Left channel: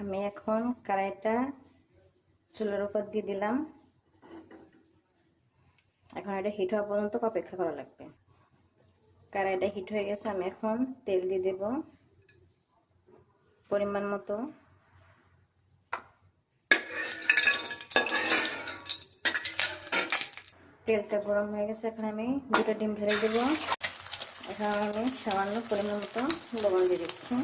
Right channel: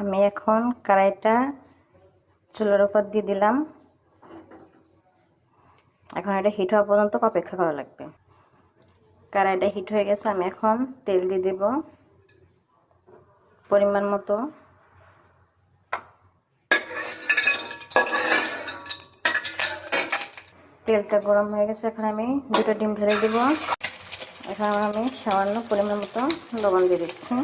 আমি এখন কড়াইটা চুলার উপর দিয়ে দিলাম। এখন এটা হিট হওয়া পর্যন্ত অপেক্ষা করা লাগবে। কড়াইটা হিট হয়ে গেছে, আমি এখন তেল দিয়ে দেব পরিমাণ মতো। তেলটা গরম হয়ে গেছে, এখন আমি দুটো ডিম ঢেলে দেব। এখন আমি সামান্য পরিমাণ মতো লবণ দিয়ে দিচ্ছি।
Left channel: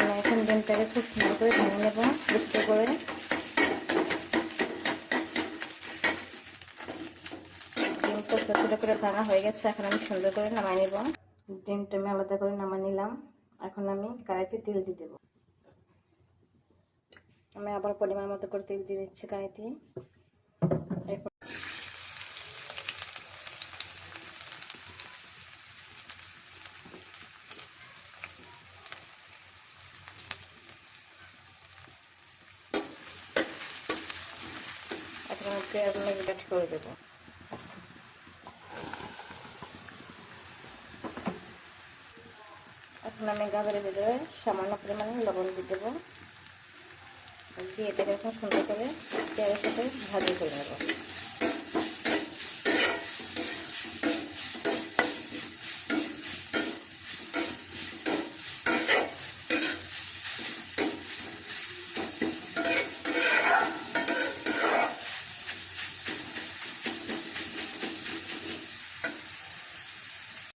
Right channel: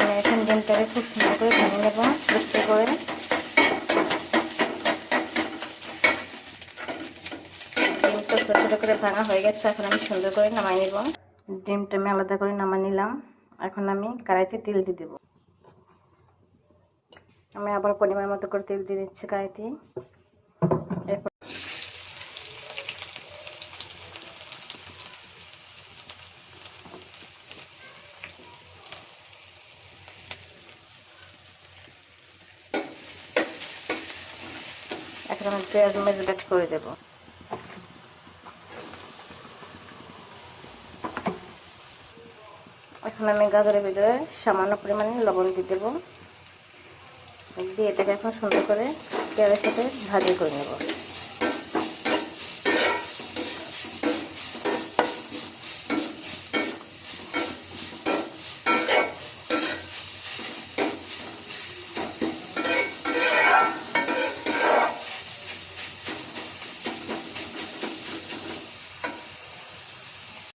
আমি এখন ডিমটাকে খুব সুন্দর করে ভেঙে নেব, বুঝতে করে। ডিমটা ছোটো ছোটো করে ভাঙা হয়ে গেছে, এখন আমি সুন্দর করে নামাই নেব। ডিমটা আমি আলাদা করে নামাই নিলাম। এখন আমি কড়াইতে তেল দিয়ে দেবো। আমি আবার পরিমাণ মতো করে তেল দিয়ে দিচ্ছি কড়াইতে। এরপর এখন আমি পেঁয়াজ মরিচ অ্যাড করে দেব। এখন আমি গাজরের ভিতরে সামান্য পরিমাণে লবণ দিয়ে দেবো। দিয়ে এটাকে এখন সুন্দর করে পেঁয়াজের সাথে ভাজি করে নেব।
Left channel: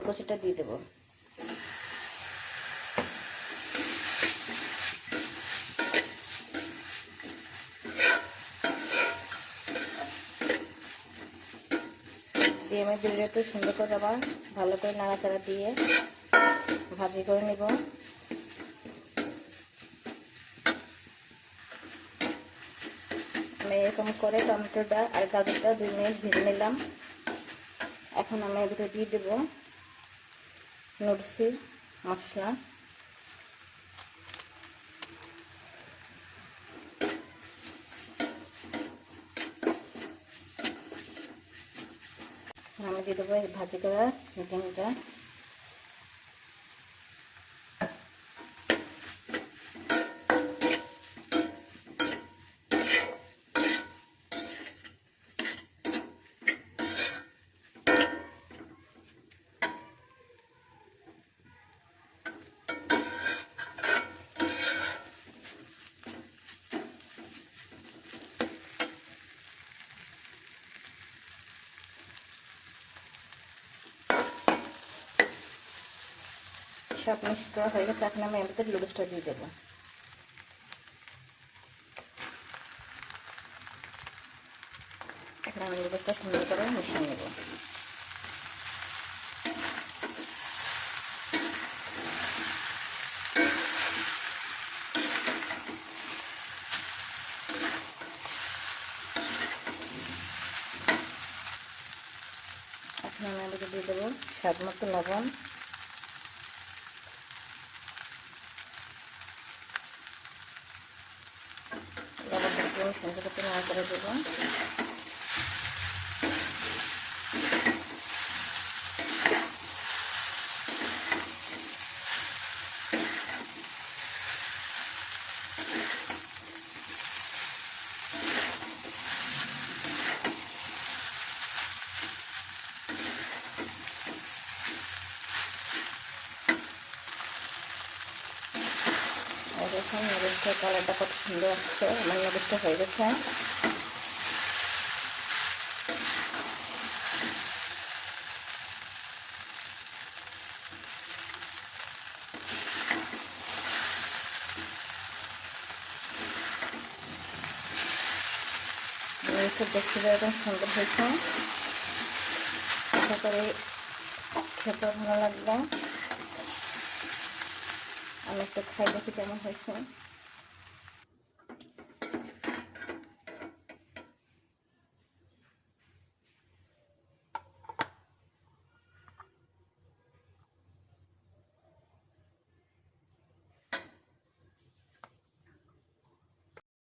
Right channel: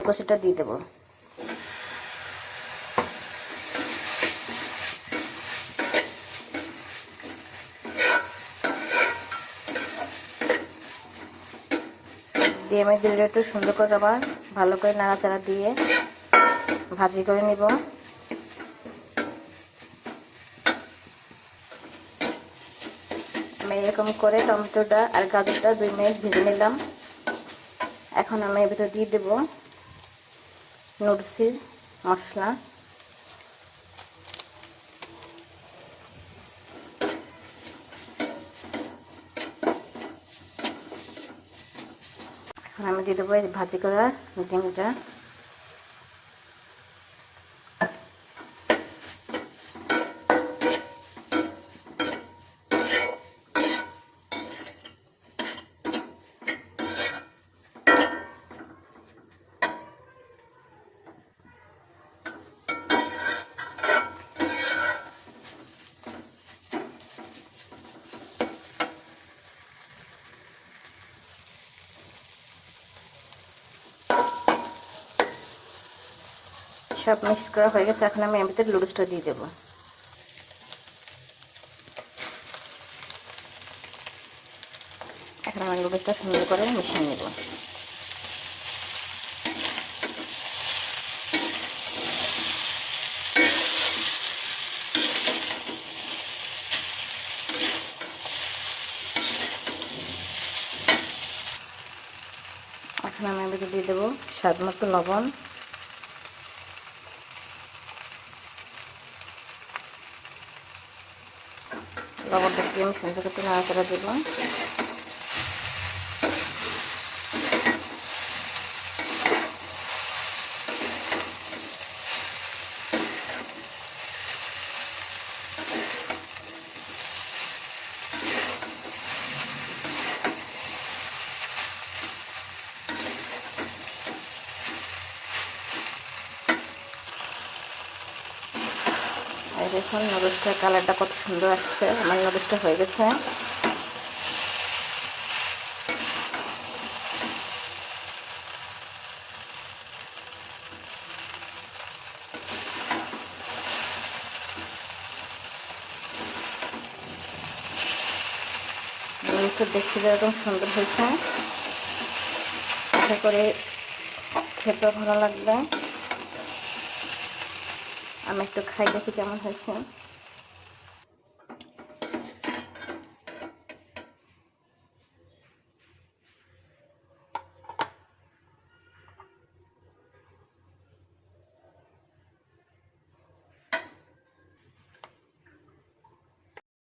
কষিটা দিয়ে দেবো। দিয়ে আমি দিলে একটু সুন্দর করে আবার ভালো করে নাড়াচাড়া দিয়ে ভাজি করে নিব। আমি এরকম করে টমেটোটা আর গাজরটা 2 মিনিট ভেজে নিলাম। এখন আমি এর ভিতরে দিয়ে দেব নুডলসের মশলা। এখন আমি দিয়ে দেবো ভাজি করা ডিমটা। সব মিক্স করা হয়ে গেছে, এখন আমি এর ভিতরে নুডলসটা দিয়ে দেবো। এখন আমি নুডলসটা সুন্দর করে মিশিয়ে নেব। এখন আমি এর ভিতরে দিয়ে দেবো স্বাদ মতো লবণ। লবণটা দিয়ে আমি সুন্দর করে নাড়াচাড়া দেবো। আর এখন নুডলসটার কালারটা কত সুন্দর আসছে। আমার নুডলসটা হয়ে গেছে। নুডলসটা দেখতে যেরকম সুন্দর হয়েছে, আশা করে খেতে ভালো লাগবে। আমি একটু খাই দেখি কেমন হয়েছে।